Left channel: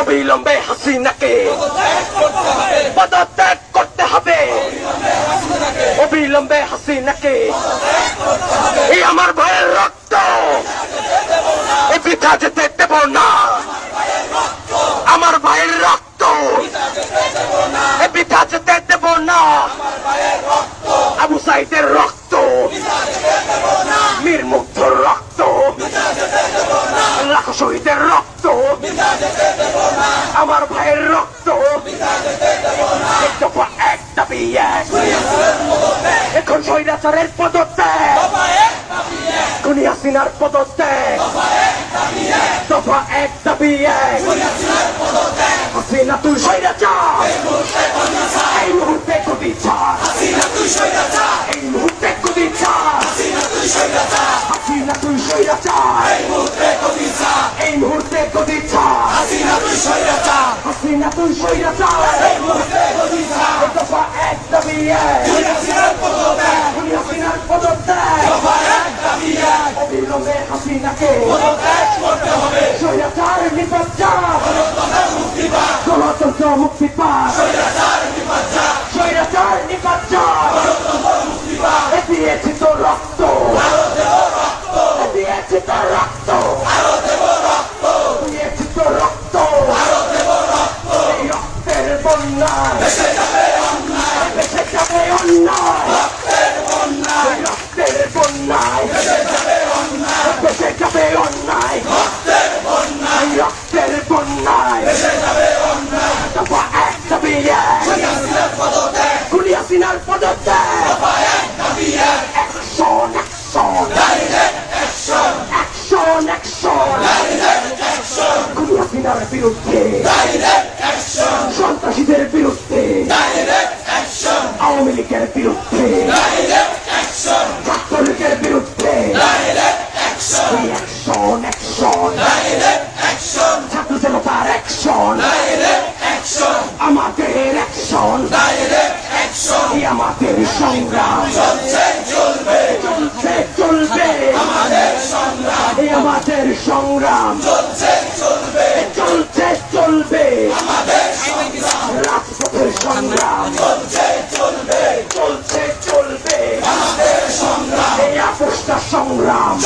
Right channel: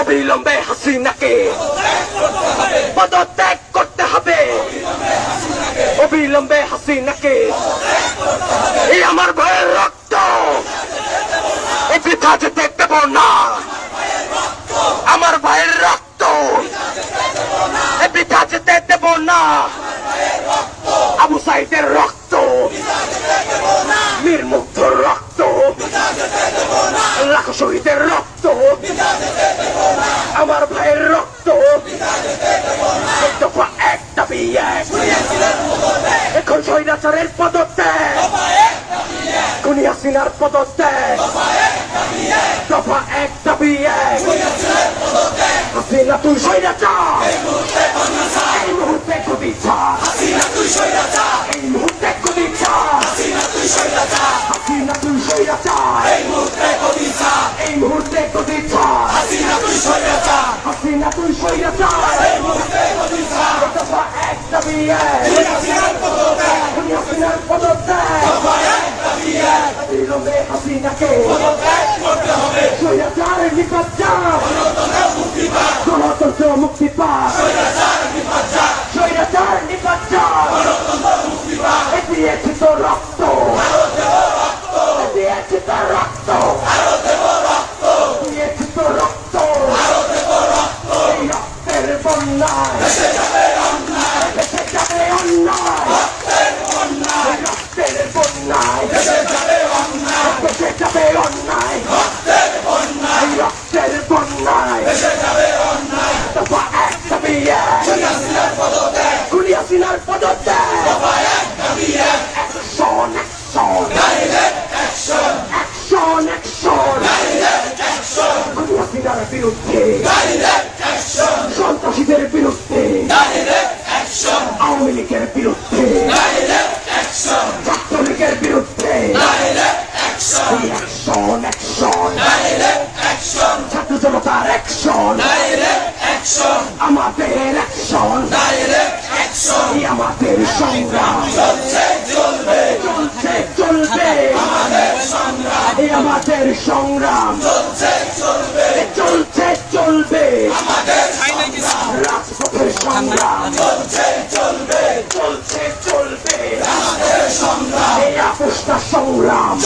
অবিলম্বে হাসিনাকে পদত্যাগ করতে হবে, অবিলম্বে হাসিনাকে। এই আমার ভাইয়ের রক্ত এ বৃথা যেতে দেব না, আমার ভাইয়ের রক্ত এ বৃথা যেতে দেব না। আবু সাইদের রক্ত, মীর মুগ্ধর রক্ত, লাখো শহীদের রক্ত, আমার ভাইয়ের রক্ত, এক দফা এক দাবি এক। এখন স্বৈরাচারের পদত্যাগ, খুনি হাসিনার পদত্যাগ, দফা এক দাবি এক, হাসিনা তুই স্বৈরাচার, এই মুহূর্তে গদি ছাড়, এই মুহূর্তে গদি ছাড়, হাসিনা তুই স্বৈরাচার, এই মুহূর্তে গদি ছাড়, হাসিনা তুই স্বৈরাচার, এই দফা এক দাবি এক, হাসিনার পদত্যাগ, অবিলম্বে হাসিনাকে স্বৈরাচার নিপাত, গণতন্ত্র মুক্তি পাক, স্বৈরাচার নিপাত, দিয়েছে তো রক্ত, দিয়েছে তার রক্ত, দিয়েছে তো রক্ত, এই রক্তের বন্যায় ভেসে যাবে অন্যায়, রক্তের বন্যায় ভেসে যাবে অন্যায়, রক্তের বন্যায় দফা এক দাবি এক, খুনি হাসিনার পদত্যাগ, অ্যাকশন অ্যাকশন, অ্যাকশন অ্যাকশন, খুনি হাসিনার বিরুদ্ধে, সন্ত্রাসীদের বিরুদ্ধে, আওয়ামী লীগের বিরুদ্ধে, ছাত্রলীগের বিরুদ্ধে, অ্যাকশন অ্যাকশন, ছাত্র জনতার অ্যাকশন, আমাদের অ্যাকশন, আমাদের সংগ্রাম চলবে, আমাদের সংগ্রাম চলবে, রাজপথের সংগ্রাম চলবে, এই আপোষটা সংগ্রাম।